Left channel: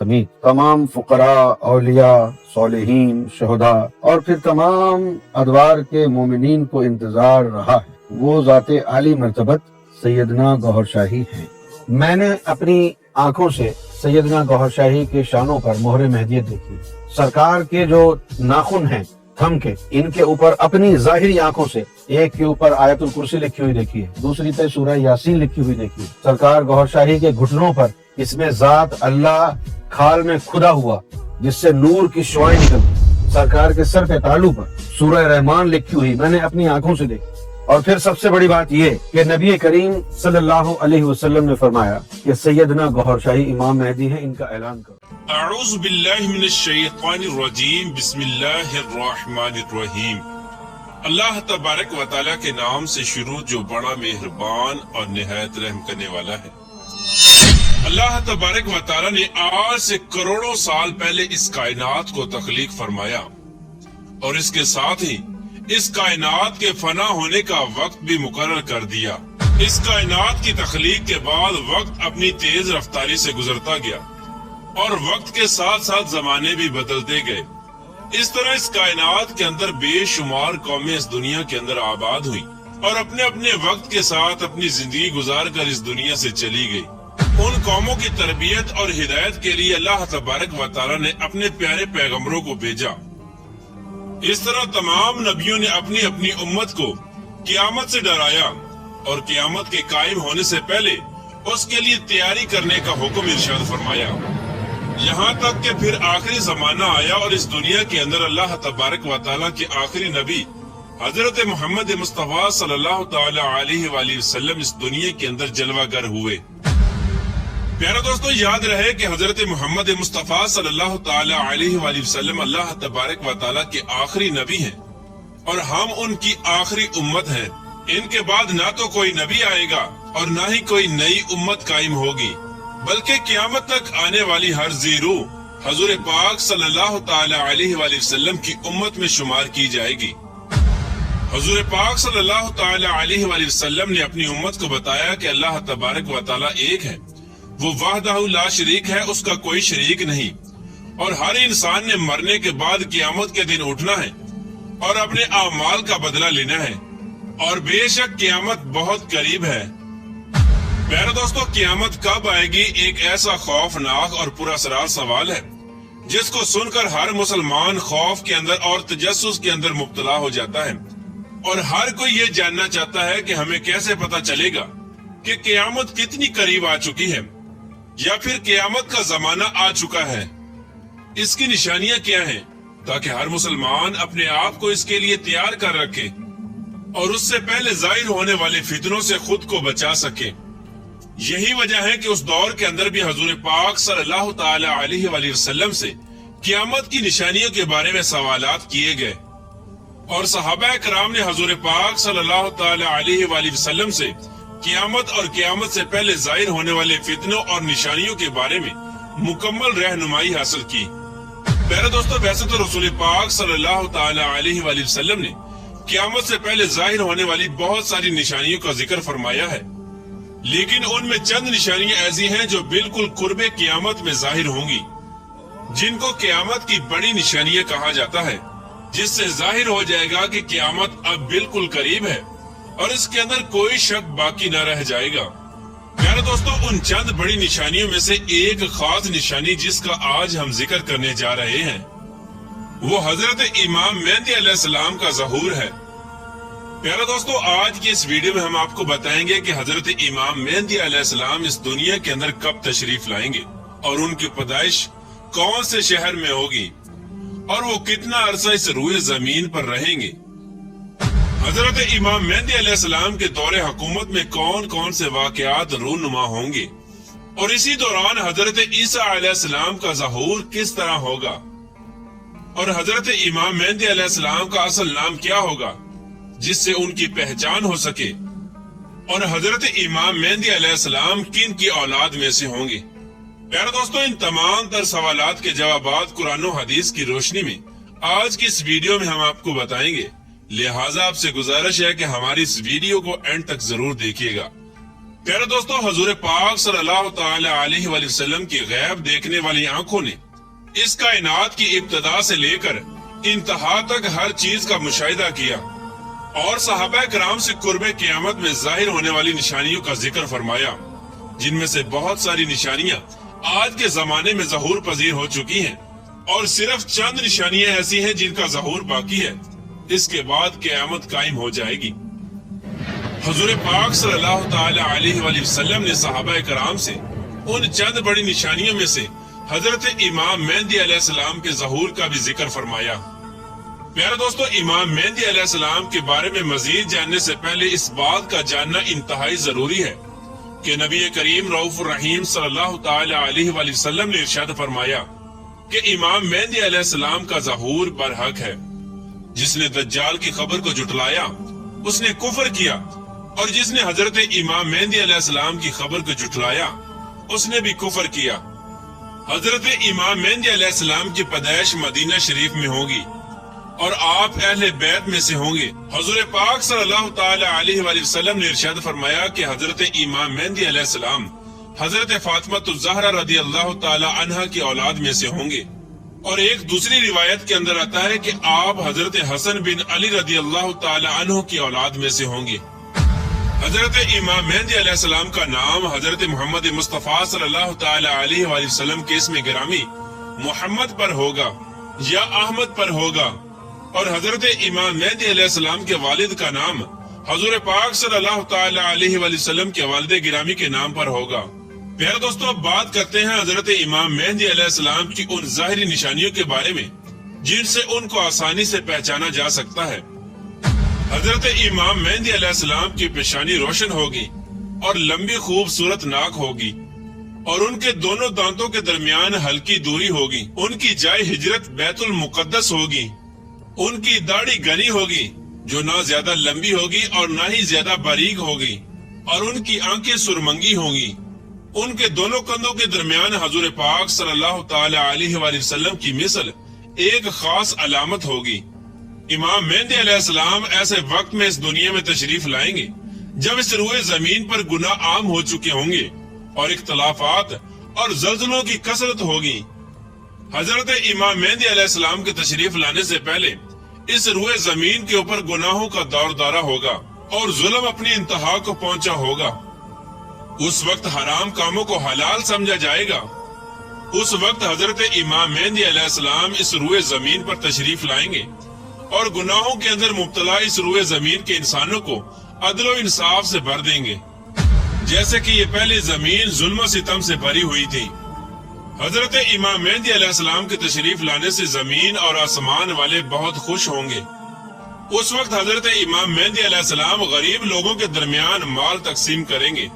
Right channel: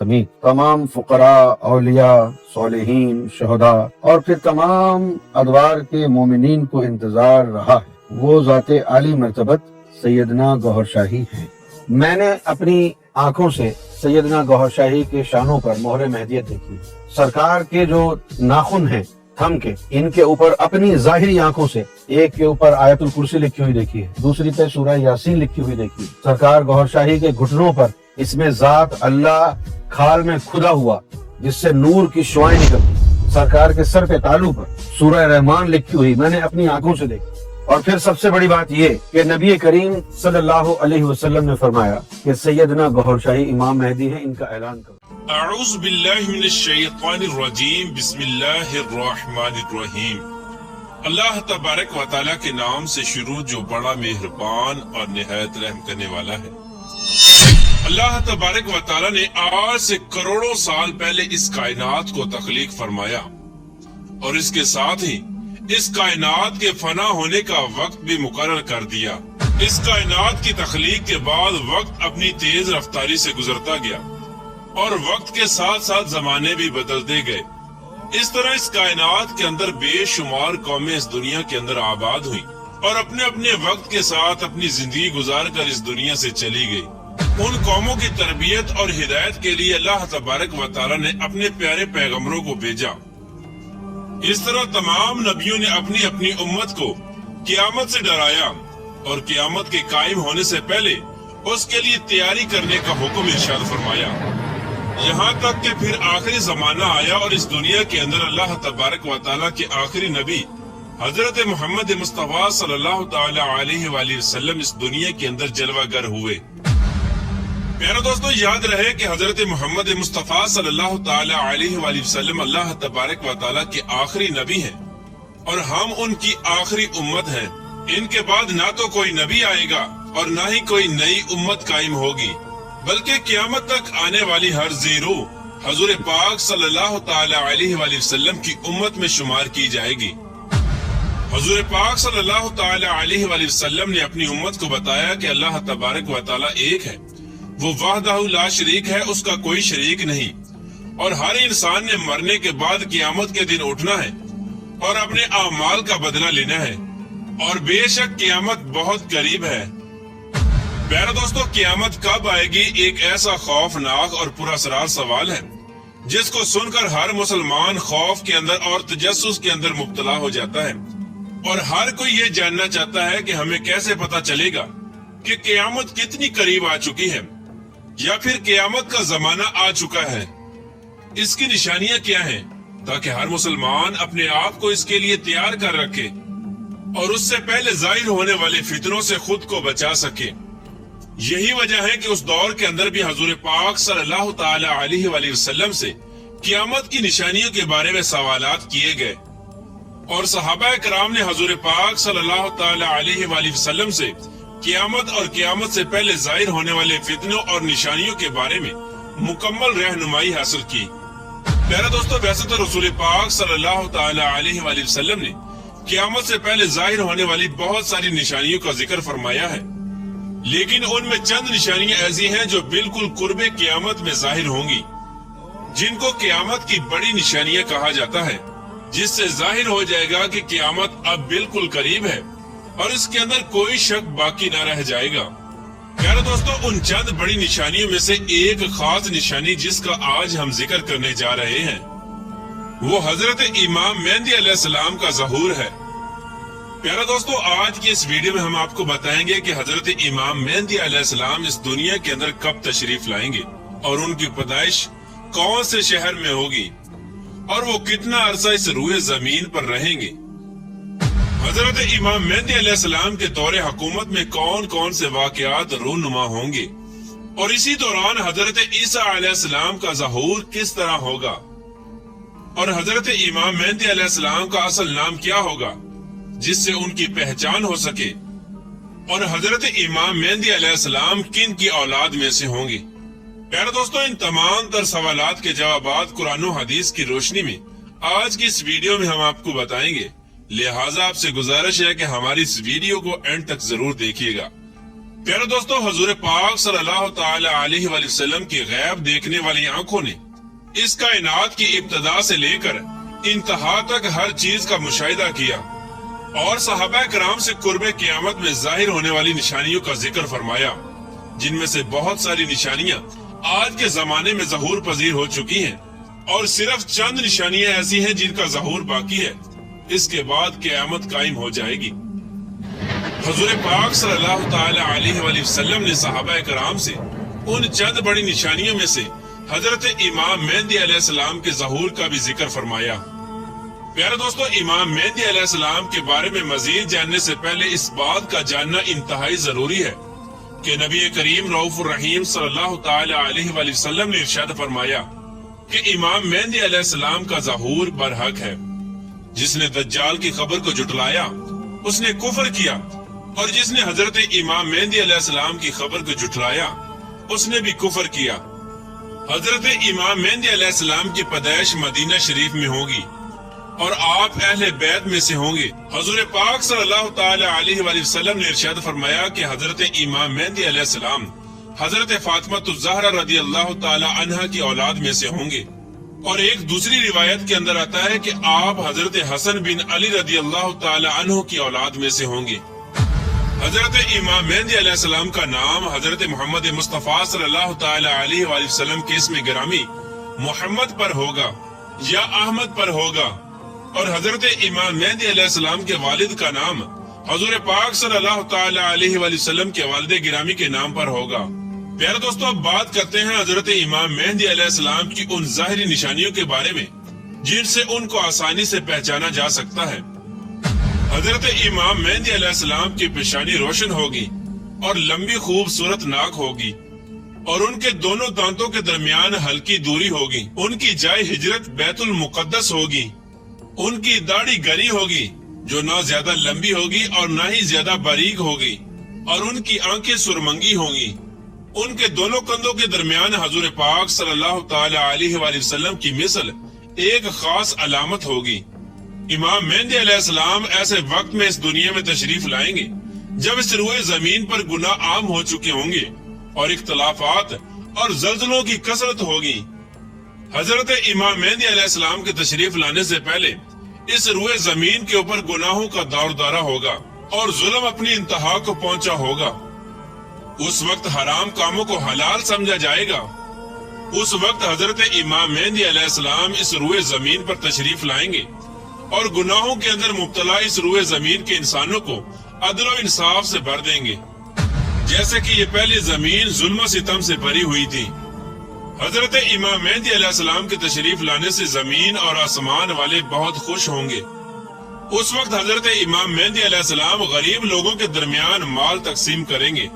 تمام فقراء، اولیاء، صالحین، شہداء اور پھر تمام ادوار کے مومنین کو انتظار رہا ہے، وہ ذات عالی مرتبت سیدنا گوہر شاہی ہیں۔ میں نے اپنی آنکھوں سے سیدنا گوہر شاہی کے شانوں پر مہر مہدیت دیکھی۔ سرکار کے جو ناخن ہیں تھم کے، ان کے اوپر اپنی ظاہری آنکھوں سے ایک کے اوپر آیت الکرسی لکھی ہوئی دیکھی ہے، دوسری پہ سورہ یاسین لکھی ہوئی دیکھی۔ سرکار گوہر شاہی کے گھٹنوں پر اس میں ذات اللہ کھال میں کھدا ہوا جس سے نور کی شعائیں نکلتی، سرکار کے سر کے تالو پر سورہ رحمان لکھی ہوئی میں نے اپنی آنکھوں سے دیکھی۔ اور پھر سب سے بڑی بات یہ کہ نبی کریم صلی اللہ علیہ وسلم نے فرمایا کہ سیدنا گوہر شاہی امام مہدی ہے، ان کا اعلان کرو۔ اعوذ باللہ من الشیطان الرجیم، بسم اللہ الرحمن الرحیم۔ اللہ تبارک و تعالیٰ کے نام سے شروع جو بڑا مہربان اور نہایت رحم کرنے والا ہے۔ اللہ تبارک و تعالیٰ نے آج سے کروڑوں سال پہلے اس کائنات کو تخلیق فرمایا، اور اس کے ساتھ ہی اس کائنات کے فنا ہونے کا وقت بھی مقرر کر دیا۔ اس کائنات کی تخلیق کے بعد وقت اپنی تیز رفتاری سے گزرتا گیا، اور وقت کے ساتھ ساتھ زمانے بھی بدلتے گئے۔ اس طرح اس کائنات کے اندر بے شمار قومیں اس دنیا کے اندر آباد ہوئی، اور اپنے اپنے وقت کے ساتھ اپنی زندگی گزار کر اس دنیا سے چلی گئی۔ ان قوموں کی تربیت اور ہدایت کے لیے اللہ تبارک و تعالیٰ نے اپنے پیارے پیغمبروں کو بھیجا۔ اس طرح تمام نبیوں نے اپنی اپنی امت کو قیامت سے ڈرایا، اور قیامت کے قائم ہونے سے پہلے اس کے لیے تیاری کرنے کا حکم ارشاد فرمایا، یہاں تک کہ پھر آخری زمانہ آیا اور اس دنیا کے اندر اللہ تبارک و تعالیٰ کے آخری نبی حضرت محمد مصطفیٰ صلی اللہ تعالی علیہ وآلہ وسلم اس دنیا کے اندر جلوہ گر ہوئے۔ پیارے دوستو، یاد رہے کہ حضرت محمد مصطفیٰ صلی اللہ تعالی علیہ وآلہ وسلم اللہ تبارک و تعالیٰ کے آخری نبی ہیں، اور ہم ان کی آخری امت ہیں۔ ان کے بعد نہ تو کوئی نبی آئے گا اور نہ ہی کوئی نئی امت قائم ہوگی، بلکہ قیامت تک آنے والی ہر ذی روح حضور پاک صلی اللہ تعالی علیہ وآلہ وسلم کی امت میں شمار کی جائے گی۔ حضور پاک صلی اللہ تعالی علیہ وآلہ وسلم نے اپنی امت کو بتایا کہ اللہ تبارک و تعالیٰ ایک ہے، وہ وحدہ لا شریک ہے، اس کا کوئی شریک نہیں، اور ہر انسان نے مرنے کے بعد قیامت کے دن اٹھنا ہے اور اپنے اعمال کا بدلہ لینا ہے، اور بے شک قیامت بہت قریب ہے۔ پیارے دوستو، قیامت کب آئے گی ایک ایسا خوفناک اور پراسرار سوال ہے جس کو سن کر ہر مسلمان خوف کے اندر اور تجسس کے اندر مبتلا ہو جاتا ہے، اور ہر کوئی یہ جاننا چاہتا ہے کہ ہمیں کیسے پتا چلے گا کہ قیامت کتنی قریب آ چکی ہے، یا پھر قیامت کا زمانہ آ چکا ہے۔ اس کی نشانیاں کیا ہیں تاکہ ہر مسلمان اپنے آپ کو اس کے لیے تیار کر رکھے اور اس سے پہلے ظاہر ہونے والے فتنوں سے خود کو بچا سکے۔ یہی وجہ ہے کہ اس دور کے اندر بھی حضور پاک صلی اللہ تعالی علیہ وآلہ وسلم سے قیامت کی نشانیوں کے بارے میں سوالات کیے گئے، اور صحابہ کرام نے حضور پاک صلی اللہ تعالی علیہ وآلہ وسلم سے قیامت اور قیامت سے پہلے ظاہر ہونے والے فتنوں اور نشانیوں کے بارے میں مکمل رہنمائی حاصل کی۔ پیارے دوستو، ویسے تو رسول پاک صلی اللہ تعالی علیہ وآلہ وسلم نے قیامت سے پہلے ظاہر ہونے والی بہت ساری نشانیوں کا ذکر فرمایا ہے، لیکن ان میں چند نشانیاں ایسی ہیں جو بالکل قرب قیامت میں ظاہر ہوں گی، جن کو قیامت کی بڑی نشانیاں کہا جاتا ہے، جس سے ظاہر ہو جائے گا کہ قیامت اب بالکل قریب ہے اور اس کے اندر کوئی شک باقی نہ رہ جائے گا۔ پیارے دوستو، ان چند بڑی نشانیوں میں سے ایک خاص نشانی جس کا آج ہم ذکر کرنے جا رہے ہیں، وہ حضرت امام مہدی علیہ السلام کا ظہور ہے۔ پیارے دوستو، آج کی اس ویڈیو میں ہم آپ کو بتائیں گے کہ حضرت امام مہدی علیہ السلام اس دنیا کے اندر کب تشریف لائیں گے، اور ان کی پیدائش کون سے شہر میں ہوگی، اور وہ کتنا عرصہ اس روئے زمین پر رہیں گے۔ حضرت امام مہدی علیہ السلام کے دور حکومت میں کون کون سے واقعات رونما ہوں گے، اور اسی دوران حضرت عیسیٰ علیہ السلام کا ظہور کس طرح ہوگا، اور حضرت امام مہدی علیہ السلام کا اصل نام کیا ہوگا جس سے ان کی پہچان ہو سکے، اور حضرت امام مہدی علیہ السلام کن کی اولاد میں سے ہوں گے۔ پیارے دوستو، ان تمام تر سوالات کے جوابات قرآن و حدیث کی روشنی میں آج کی اس ویڈیو میں ہم آپ کو بتائیں گے، لہٰذا آپ سے گزارش ہے کہ ہماری اس ویڈیو کو اینڈ تک ضرور دیکھیے گا پیارے دوستو، حضور پاک صلی اللہ تعالی علیہ وآلہ وسلم کی غیب دیکھنے والی آنکھوں نے اس کائنات کی ابتدا سے لے کر انتہا تک ہر چیز کا مشاہدہ کیا اور صحابہ کرام سے قرب قیامت میں ظاہر ہونے والی نشانیوں کا ذکر فرمایا، جن میں سے بہت ساری نشانیاں آج کے زمانے میں ظہور پذیر ہو چکی ہیں اور صرف چند نشانیاں ایسی ہیں جن کا ظہور باقی ہے۔ اس کے بعد قیامت قائم ہو جائے گی۔ حضور پاک صلی اللہ تعالی علیہ وآلہ وسلم نے صحابہ کرام سے ان چند بڑی نشانیوں میں سے حضرت امام مہدی علیہ السلام کے ظہور کا بھی ذکر فرمایا۔ پیارے دوستو، امام مہدی علیہ السلام کے بارے میں مزید جاننے سے پہلے اس بات کا جاننا انتہائی ضروری ہے کہ نبی کریم رؤوف الرحیم صلی اللہ تعالی علیہ وآلہ وسلم نے ارشاد فرمایا کہ امام مہدی علیہ السلام کا ظہور برحق ہے۔ جس نے دجال کی خبر کو جھٹلایا اس نے کفر کیا، اور جس نے حضرت امام مہدی علیہ السلام کی خبر کو جھٹلایا اس نے بھی کفر کیا۔ حضرت امام مہدی علیہ السلام کی پیدائش مدینہ شریف میں ہوگی اور آپ اہل بیت میں سے ہوں گے۔ حضور پاک صلی اللہ تعالی علیہ وآلہ وسلم نے ارشاد فرمایا کہ حضرت امام مہدی علیہ السلام حضرت فاطمہ الزہرا رضی اللہ تعالی عنہا کی اولاد میں سے ہوں گے، اور ایک دوسری روایت کے اندر آتا ہے کہ آپ حضرت حسن بن علی رضی اللہ تعالی عنہ کی اولاد میں سے ہوں گے۔ حضرت امام مہدی علیہ السلام کا نام حضرت محمد مصطفیٰ صلی اللہ تعالی علیہ وآلہ وسلم کے اسم گرامی محمد پر ہوگا یا احمد پر ہوگا، اور حضرت امام مہدی علیہ السلام کے والد کا نام حضور پاک صلی اللہ تعالی علیہ وآلہ وسلم کے والد گرامی کے نام پر ہوگا۔ پیارے دوستو، اب بات کرتے ہیں حضرت امام مہدی علیہ السلام کی ان ظاہری نشانیوں کے بارے میں جن سے ان کو آسانی سے پہچانا جا سکتا ہے۔ حضرت امام مہدی علیہ السلام کی پیشانی روشن ہوگی اور لمبی خوبصورت ناک ہوگی، اور ان کے دونوں دانتوں کے درمیان ہلکی دوری ہوگی۔ ان کی جائے ہجرت بیت المقدس ہوگی۔ ان کی داڑھی گھنی ہوگی جو نہ زیادہ لمبی ہوگی اور نہ ہی زیادہ باریک ہوگی، اور ان کی آنکھیں سرمنگی ہوگی۔ ان کے دونوں کندھوں کے درمیان حضور پاک صلی اللہ تعالی علیہ وآلہ وسلم کی مثل ایک خاص علامت ہوگی۔ امام مہدی علیہ السلام ایسے وقت میں اس دنیا میں تشریف لائیں گے جب اس روئے زمین پر گناہ عام ہو چکے ہوں گے اور اختلافات اور زلزلوں کی کثرت ہوگی۔ حضرت امام مہدی علیہ السلام کے تشریف لانے سے پہلے اس روئے زمین کے اوپر گناہوں کا دور دارا ہوگا اور ظلم اپنی انتہا کو پہنچا ہوگا۔ اس وقت حرام کاموں کو حلال سمجھا جائے گا۔ اس وقت حضرت امام مہدی علیہ السلام اس روئے زمین پر تشریف لائیں گے اور گناہوں کے اندر مبتلا اس روئے زمین کے انسانوں کو عدل و انصاف سے بھر دیں گے، جیسے کہ یہ پہلے زمین ظلم و ستم سے بھری ہوئی تھی۔ حضرت امام مہدی علیہ السلام کے تشریف لانے سے زمین اور آسمان والے بہت خوش ہوں گے۔ اس وقت حضرت امام مہدی علیہ السلام غریب لوگوں کے درمیان مال تقسیم کریں گے،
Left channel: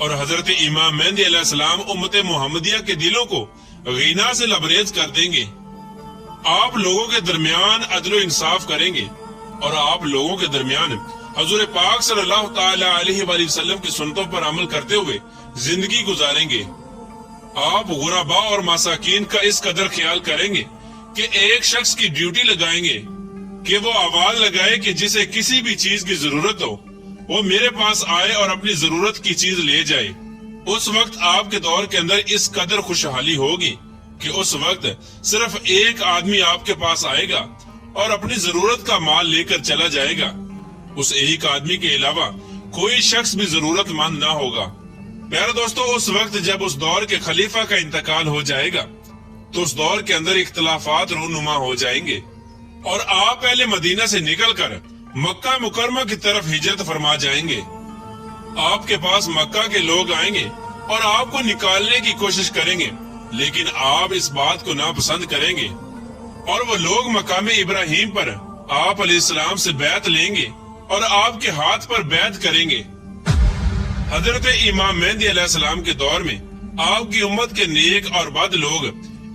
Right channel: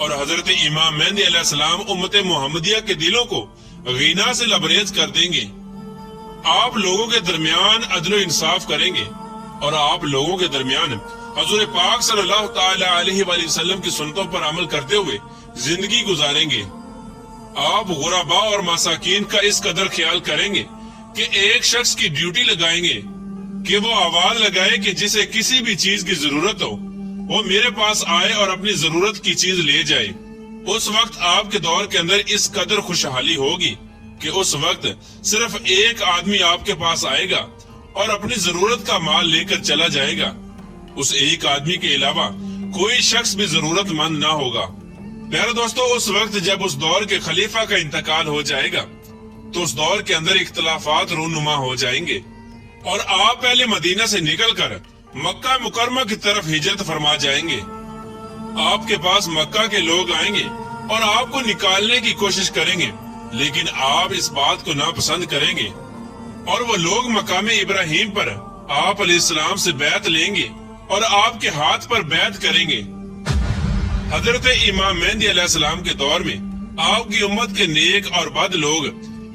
اور حضرت امام مہدی علیہ السلام امت محمدیہ کے دلوں کو غنا سے لبریز کر دیں گے۔ آپ لوگوں کے درمیان عدل و انصاف کریں گے، اور آپ لوگوں کے درمیان حضور پاک صلی اللہ تعالی علیہ وآلہ وسلم کی سنتوں پر عمل کرتے ہوئے زندگی گزاریں گے۔ آپ غرباء اور مساکین کا اس قدر خیال کریں گے کہ ایک شخص کی ڈیوٹی لگائیں گے کہ وہ آواز لگائے کہ جسے کسی بھی چیز کی ضرورت ہو وہ میرے پاس آئے اور اپنی ضرورت کی چیز لے جائے۔ اس وقت آپ کے دور کے اندر اس قدر خوشحالی ہوگی کہ اس وقت صرف ایک آدمی آپ کے پاس آئے گا اور اپنی ضرورت کا مال لے کر چلا جائے گا۔ اس ایک آدمی کے علاوہ کوئی شخص بھی ضرورت مند نہ ہوگا۔ پیارے دوستو، اس وقت جب اس دور کے خلیفہ کا انتقال ہو جائے گا تو اس دور کے اندر اختلافات رونما ہو جائیں گے، اور آپ پہلے مدینہ سے نکل کر مکہ مکرمہ کی طرف ہجرت فرما جائیں گے۔ آپ کے پاس مکہ کے لوگ آئیں گے اور آپ کو نکالنے کی کوشش کریں گے، لیکن آپ اس بات کو ناپسند کریں گے، اور وہ لوگ مقام ابراہیم پر آپ علیہ السلام سے بیعت لیں گے اور آپ کے ہاتھ پر بیعت کریں گے۔ حضرت امام مہدی علیہ السلام کے دور میں آپ کی امت کے نیک اور بد لوگ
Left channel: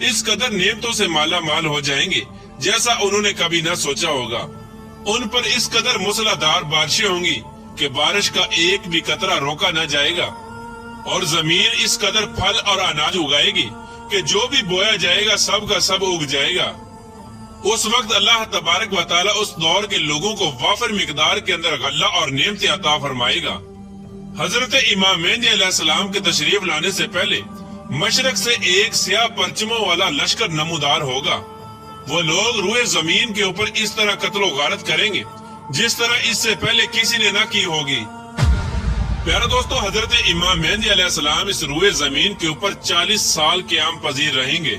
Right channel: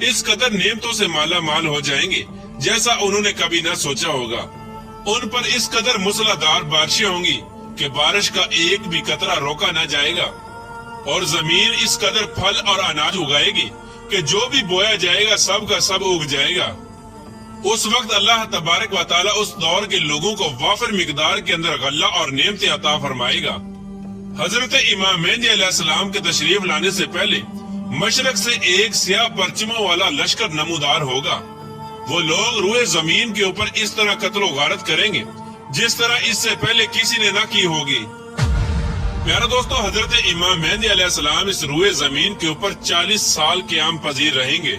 اس قدر نعمتوں سے مالا مال ہو جائیں گے جیسا انہوں نے کبھی نہ سوچا ہوگا۔ ان پر اس قدر موسلادھار بارشیں ہوں گی کہ بارش کا ایک بھی قطرہ روکا نہ جائے گا، اور زمین اس قدر پھل اور اناج اگائے گی کہ جو بھی بویا جائے گا سب کا سب اگ جائے گا۔ اس وقت اللہ تبارک و تعالی اس دور کے لوگوں کو وافر مقدار کے اندر غلہ اور نعمتیں عطا فرمائے گا۔ حضرت امام مہدی علیہ السلام کے تشریف لانے سے پہلے مشرق سے ایک سیاہ پرچموں والا لشکر نمودار ہوگا۔ وہ لوگ روئے زمین کے اوپر اس طرح قتل و غارت کریں گے جس طرح اس سے پہلے کسی نے نہ کی ہوگی۔ پیارے دوستو، حضرت امام مہدی علیہ السلام اس روئے زمین کے اوپر 40 سال قیام پذیر رہیں گے۔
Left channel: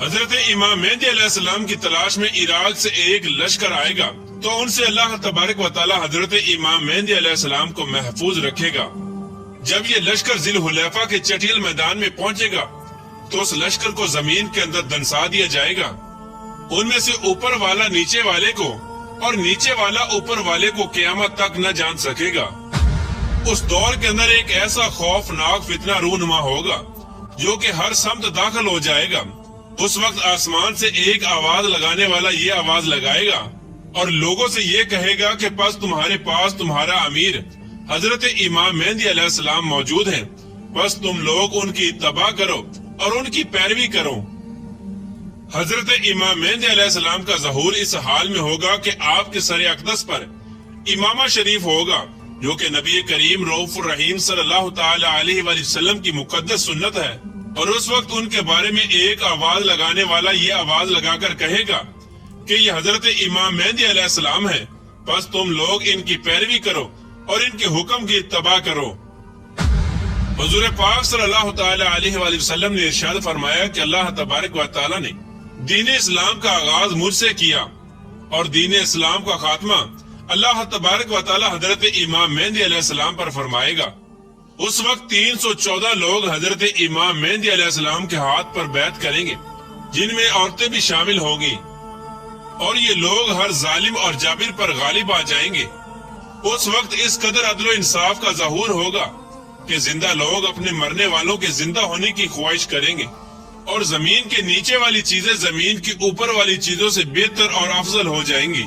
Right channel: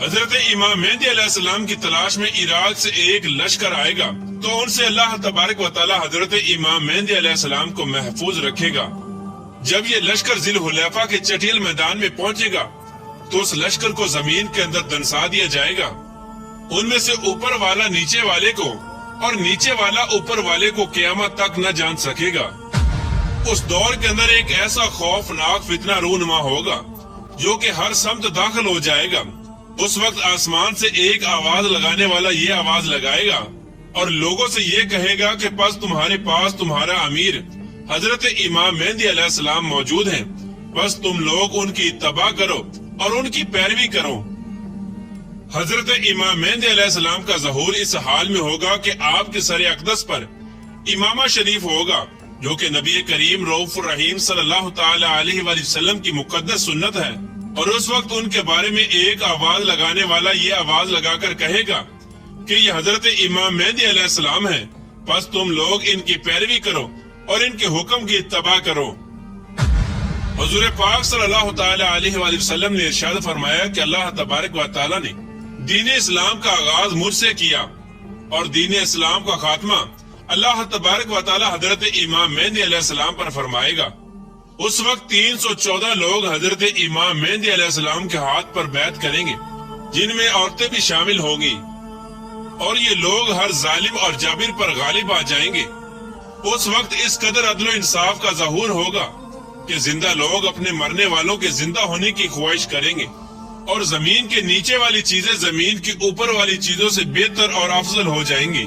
حضرت امام مہدی علیہ السلام کی تلاش میں عراق سے ایک لشکر آئے گا تو ان سے اللہ تبارک و تعالی حضرت امام مہدی علیہ السلام کو محفوظ رکھے گا۔ جب یہ لشکر ذی الحلیفہ کے چٹیل میدان میں پہنچے گا تو اس لشکر کو زمین کے اندر دنسا دیا جائے گا۔ ان میں سے اوپر والا نیچے والے کو اور نیچے والا اوپر والے کو قیامت تک نہ جان سکے گا۔ اس دور کے اندر ایک ایسا خوفناک فتنہ رونما ہوگا جو کہ ہر سمت داخل ہو جائے گا۔ اس وقت آسمان سے ایک آواز لگانے والا یہ آواز لگائے گا اور لوگوں سے یہ کہے گا کہ پس تمہارے پاس تمہارا امیر حضرت امام مہدی علیہ السلام موجود ہے، پس تم لوگ ان کی اتباع کرو اور ان کی پیروی کرو۔ حضرت امام مہدی علیہ السلام کا ظہور اس حال میں ہوگا کہ آپ کے سر اقدس پر امامہ شریف ہوگا جو کہ نبی کریم رؤوف الرحیم صلی اللہ تعالی علیہ وآلہ وسلم کی مقدس سنت ہے، اور اس وقت ان کے بارے میں ایک آواز لگانے والا یہ آواز لگا کر کہے گا کہ یہ حضرت امام مہدی علیہ السلام ہے، پس تم لوگ ان کی پیروی کرو اور ان کے حکم کی اتباع کرو۔ حضور پاک صلی اللہ تعالی علیہ وآلہ وسلم نے ارشاد فرمایا کہ اللہ تبارک و تعالی نے دین اسلام کا آغاز مجھ سے کیا اور دین اسلام کا خاتمہ اللہ تبارک و تعالی حضرت امام مہدی علیہ السلام پر فرمائے گا۔ اس وقت 314 لوگ حضرت امام مہدی علیہ السلام کے ہاتھ پر بیعت کریں گے جن میں عورتیں بھی شامل ہوں گی، اور یہ لوگ ہر ظالم اور جابر پر غالب آ جائیں گے۔ اس وقت اس قدر عدل و انصاف کا ظہور ہوگا کہ زندہ لوگ اپنے مرنے والوں کے زندہ ہونے کی خواہش کریں گے، اور زمین کے نیچے والی چیزیں زمین کی اوپر والی چیزوں سے بہتر اور افضل ہو جائیں گی۔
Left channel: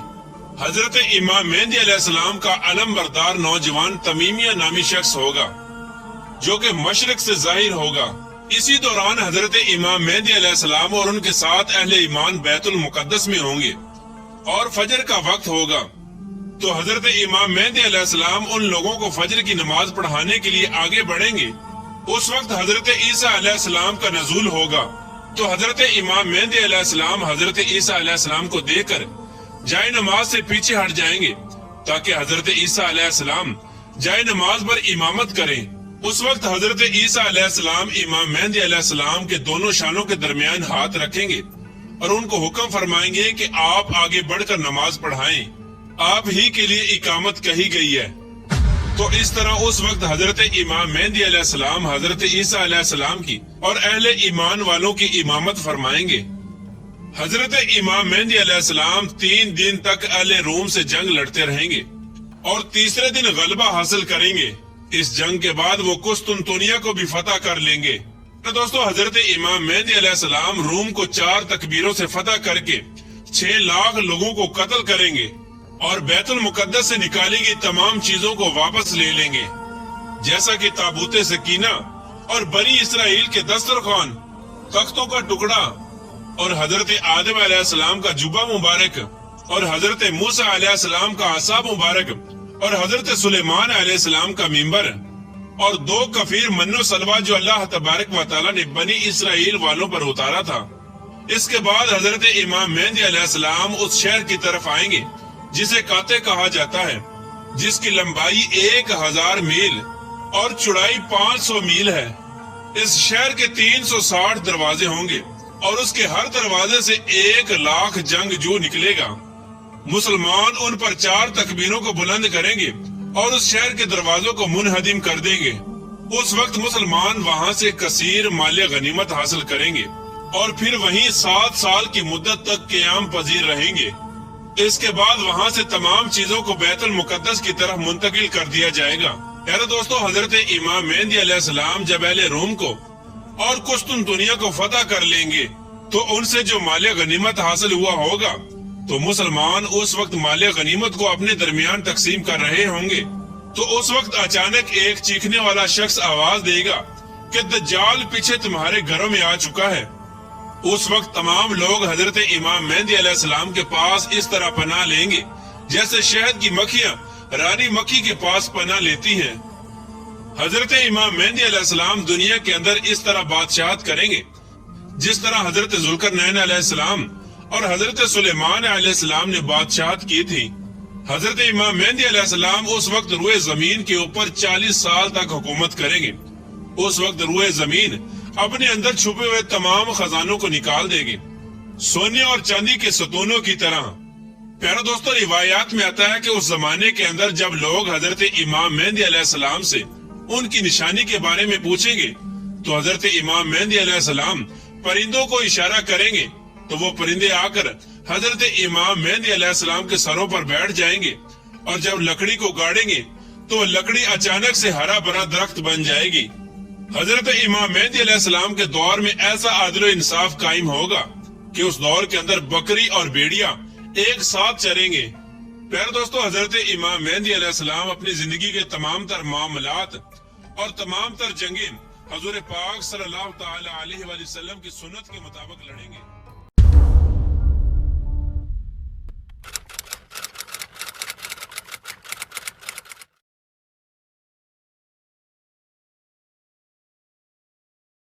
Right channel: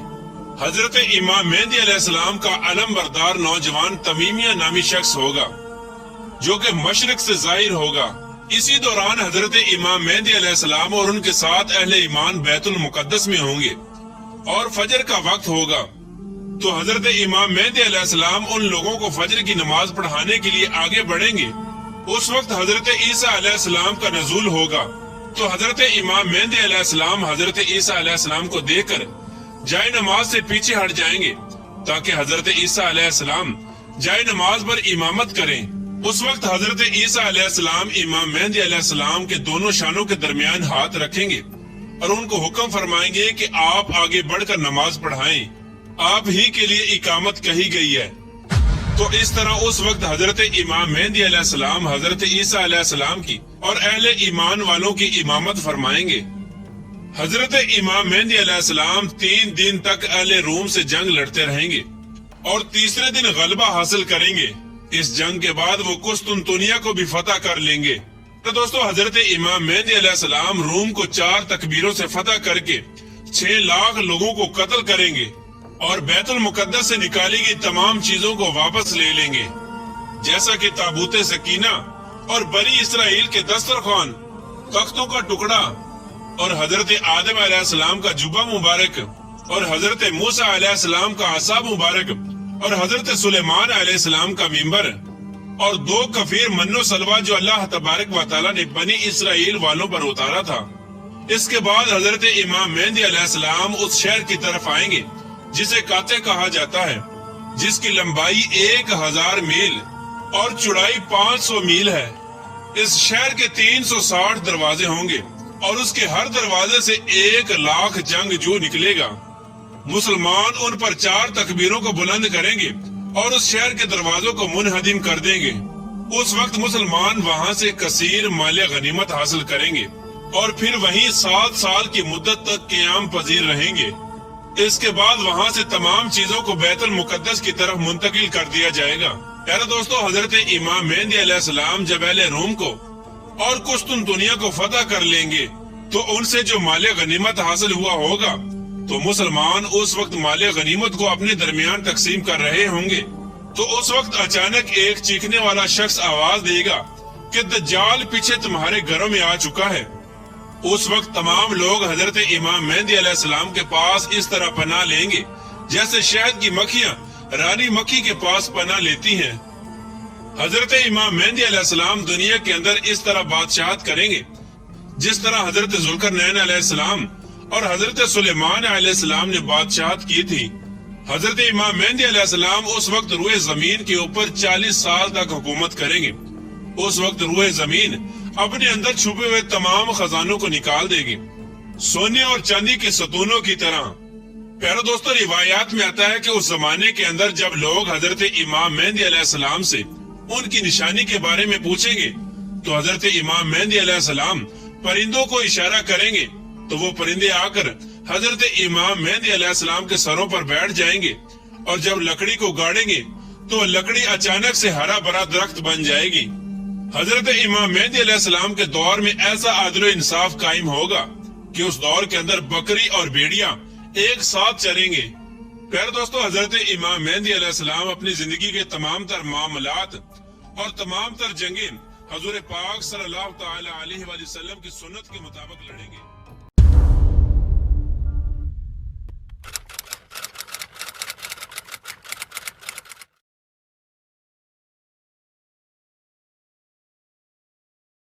حضرت امام مہدی علیہ السلام کا علم بردار نوجوان تمیمیہ نامی شخص ہوگا جو کہ مشرق سے ظاہر ہوگا۔ اسی دوران حضرت امام مہدی علیہ السلام اور ان کے ساتھ اہل ایمان بیت المقدس میں ہوں گے اور فجر کا وقت ہوگا تو حضرت امام مہدی علیہ السلام ان لوگوں کو فجر کی نماز پڑھانے کے لیے آگے بڑھیں گے۔ اس وقت حضرت عیسیٰ علیہ السلام کا نزول ہوگا تو حضرت امام مہدی علیہ السلام حضرت عیسیٰ علیہ السلام کو دیکھ کر جائے نماز سے پیچھے ہٹ جائیں گے تاکہ حضرت عیسیٰ علیہ السلام جائے نماز پر امامت کریں۔ اس وقت حضرت عیسیٰ علیہ السلام امام مہدی علیہ السلام کے دونوں شانوں کے درمیان ہاتھ رکھیں گے اور ان کو حکم فرمائیں گے کہ آپ آگے بڑھ کر نماز پڑھائیں، آپ ہی کے لیے اقامت کہی گئی ہے۔ تو اس طرح اس وقت حضرت امام مہدی علیہ السلام حضرت عیسیٰ علیہ السلام کی اور اہل ایمان والوں کی امامت فرمائیں گے۔ حضرت امام مہدی علیہ السلام 3 دن تک اہل روم سے جنگ لڑتے رہیں گے اور تیسرے دن غلبہ حاصل کریں گے۔ اس جنگ کے بعد وہ قسطنطنیہ کو بھی فتح کر لیں گے۔ تو دوستو، حضرت امام مہدی علیہ السلام روم کو 4 تکبیروں سے فتح کر کے 6 لاکھ لوگوں کو قتل کریں گے اور بیت المقدس سے نکالی گئی تمام چیزوں کو واپس لے لیں گے، جیسا کہ تابوت سکینہ اور بنی اسرائیل کے دسترخوان، تختوں کا ٹکڑا اور حضرت آدم علیہ السلام کا جبہ مبارک اور حضرت موسیٰ علیہ السلام کا عصا مبارک اور حضرت سلیمان علیہ السلام کا منبر اور 2 کفیر من و سلوہ جو اللہ تبارک و تعالی نے بنی اسرائیل والوں پر اتارا تھا۔ اس کے بعد حضرت امام مہدی علیہ السلام اس شہر کی طرف آئیں گے جسے کاتے کہا جاتا ہے، جس کی لمبائی 1000 میل اور چوڑائی 500 میل ہے۔ اس شہر کے 360 دروازے ہوں گے اور اس کے ہر دروازے سے 1 لاکھ جنگجو نکلے گا۔ مسلمان ان پر 4 تکبیروں کو بلند کریں گے اور اس شہر کے دروازوں کو منہدم کر دیں گے۔ اس وقت مسلمان وہاں سے کثیر مال غنیمت حاصل کریں گے اور پھر وہیں 7 سال کی مدت تک قیام پذیر رہیں گے۔ اس کے بعد وہاں سے تمام چیزوں کو بیت المقدس کی طرف منتقل کر دیا جائے گا۔ پیارے دوستو، حضرت امام مہدی علیہ السلام جب اہل روم کو اور قسطنطنیہ کو فتح کر لیں گے تو ان سے جو مال غنیمت حاصل ہوا ہوگا تو مسلمان اس وقت مال غنیمت کو اپنے درمیان تقسیم کر رہے ہوں گے۔ تو اس وقت اچانک ایک چیخنے والا شخص آواز دے گا کہ دجال پیچھے تمہارے گھروں میں آ چکا ہے۔ اس وقت تمام لوگ حضرت امام مہدی علیہ السلام کے پاس اس طرح پناہ لیں گے جیسے شہد کی مکھیاں رانی مکھی کے پاس پناہ لیتی ہیں۔ حضرت امام مہدی علیہ السلام دنیا کے اندر اس طرح بادشاہت کریں گے جس طرح حضرت ذوالقرنین علیہ السلام اور حضرت سلیمان علیہ السلام نے بادشاہت کی تھی۔ حضرت امام مہدی علیہ السلام اس وقت روئے زمین کے اوپر 40 سال تک حکومت کریں گے۔ اس وقت روئے زمین اپنے اندر چھپے ہوئے تمام خزانوں کو نکال دے گے، سونے اور چاندی کے ستونوں کی طرح۔ پیارے دوستو، روایات میں آتا ہے کہ اس زمانے کے اندر جب لوگ حضرت امام مہدی علیہ السلام سے ان کی نشانی کے بارے میں پوچھیں گے تو حضرت امام مہدی علیہ السلام پرندوں کو اشارہ کریں گے تو وہ پرندے آ کر حضرت امام مہدی علیہ السلام کے سروں پر بیٹھ جائیں گے، اور جب لکڑی کو گاڑیں گے تو لکڑی اچانک سے ہرا بھرا درخت بن جائے گی۔ حضرت امام مہدی علیہ السلام کے دور میں ایسا عدل و انصاف قائم ہوگا کہ اس دور کے اندر بکری اور بھیڑیاں ایک ساتھ چریں گے۔ پیارے دوستو، حضرت امام مہدی علیہ السلام اپنی زندگی کے تمام تر معاملات اور تمام تر جنگیں حضور پاک صلی اللہ تعالی علیہ وآلہ وسلم کی سنت کے مطابق لڑیں گے۔